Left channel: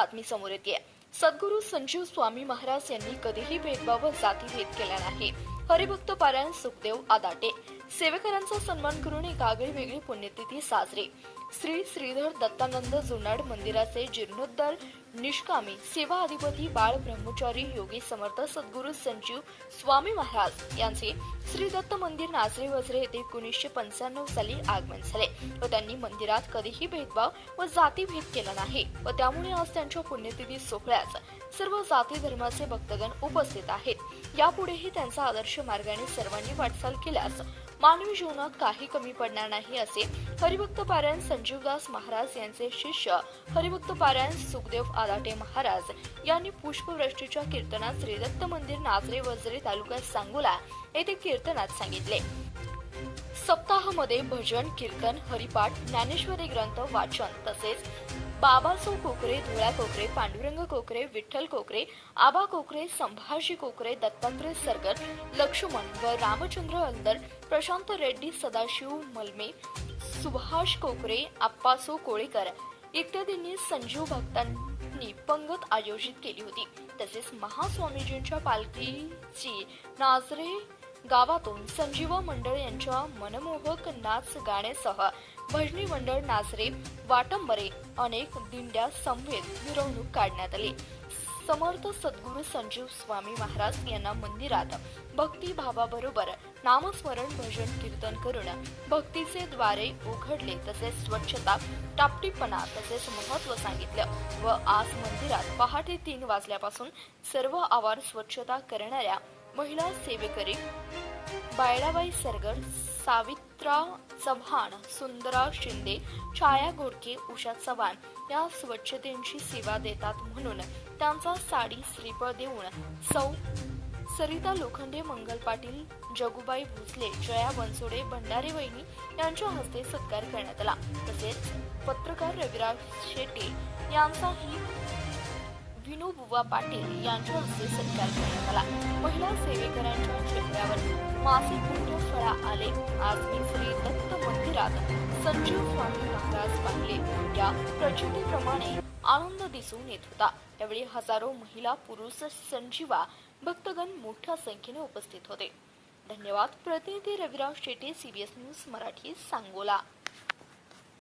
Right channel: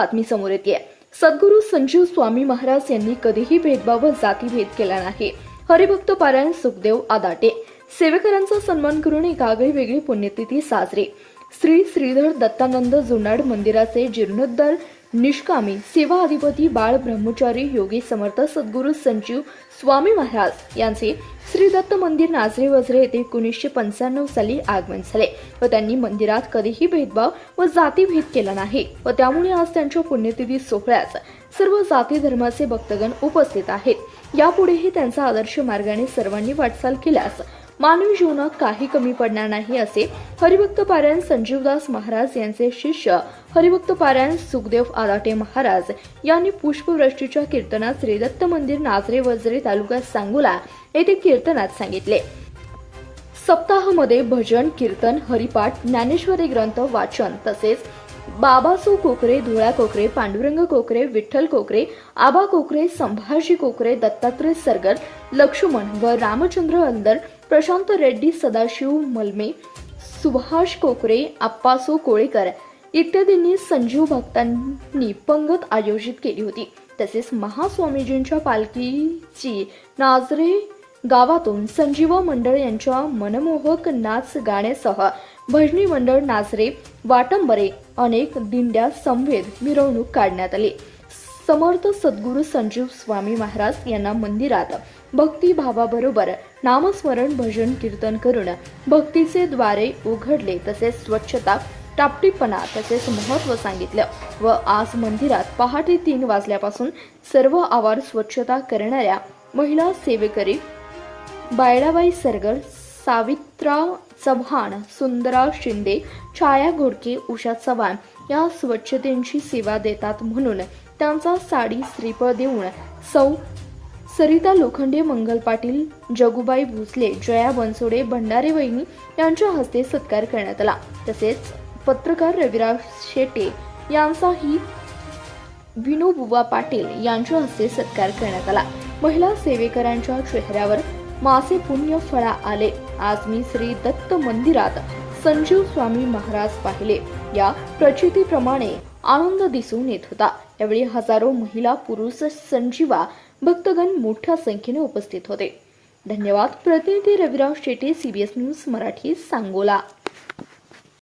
बातमी समोर येते। सद्गुरू संजीव स्वामी महाराज यांनी कधीही भेदभाव व जातीभेद केला नाही। हरिभक्त पारायण सुखदेव आदाटे सेवेकरांचा सन्मान करून एक आगळीवेगळी पुण्यतिथी साजरी। श्री श्रीधर दत्तानंद जुनाड मंदिराचे जीर्णोद्धार निष्कामी सेवा अधिपती बाळ ब्रह्मचारी योगी समर्थ सद्गुरू संजीव स्वामी महाराज यांचे श्री दत्त मंदिर नाझरे वझरे येथे 1995 साली आगमन झाले व त्यांनी मंदिरात कधीही भेदभाव व जातीभेद केला नाही व त्यामुळे आज त्यांच्या पुण्यतिथी सोहळ्यात सर्व जाती धर्माचे भक्तगण उपस्थित आहेत। यापुढेही त्यांचा आदर्श मार्गाने सर्वांनी वाटचाल केल्यास मानवी जीवनात काही कमी पडणार नाही असे हरिभक्त पारायण संजीवदास महाराज यांचे शिष्य हरिभक्त पारायण सुखदेव आदाटे महाराज यांनी पुष्पवृष्टीच्या कीर्तनात श्री दत्त मंदिर नाझरे वझरे तालुका सांगोला येथे कीर्तनात सांगितले। सप्ताहामध्ये भजन कीर्तन हरिपाठ ज्ञानेश्वरी ग्रंथ वाचन तसेच बाबासू कोकरे धुळा कोकरे पांडुरंग कोकरे विठ्ठल कोकरे आबा कोकरे संभाजी कोकरे दत्तात्रय सरगर लक्ष्मण व रामचंद्र अंदर प्रशांत रेड्डी सदाशिव मलमे सुभाष कोकरे आप्पासो कोळेकर इत्यादींनी संजीव भक्तांनी पंगत आयोजित केली होती। तसेच महास्वामीजींच्या पालखीची नाझरे गावातून संजीव मंडळ यांच्या मनमोहक नाच गाण्यासह भजनी मंडळ नाझरे वाटंबरे अनेक दिंड्या समवेत मिरवणूक काढण्यात आली। समर्थ सद्गुरू संजीव स्वामी महाराज यांना मंदिरात भक्ती भावाबरोबर नामस्मरण भजन कीर्तन करून भक्तीचे द्वारे उघडले तसेच स्वच्छता टापटीपणा तसेच महत्त्व सांगितलं व आज मंदिरात पहाटे 3 वाजल्यापासून सर्व आवार स्वच्छता करणाऱ्या महिला सेवेकरी बायडाबाई सरगर सावित्रा चव्हाण सुंदरा शिंदे छाया घोडके उषा चव्हाण या स्वच्छतेची सेवा देतात म्हणून त्यांचा साडी श्रीफळ देऊन सौ सरिता लोखंडे मंगल पाटील जगुबाई भोसले जया बनसोडे भंडारे वहिनी यांच्या हस्ते सत्कार करण्यात आला। तसेच पत्रकार रविराज शेटे यांचाही विनोबुवा पाटील यांच्या हस्ते सत्कार करण्यात आला। महिला सेवेकरांच्या चेहऱ्यावर मासे पुण्य फळा आले। आज मी श्री दत्त मंदिरात संजीव स्वामी महाराज पाहिले। या प्रचितीप्रमाणे आनंद दिसून येत होता। यावेळी हजारो महिला पुरुष संजीवा भक्तगण मोठ्या संख्येने उपस्थित होते। धन्यवाद। प्रतिनिधी रविराज शेटे, CBS न्यूज मराठी, सांगोला।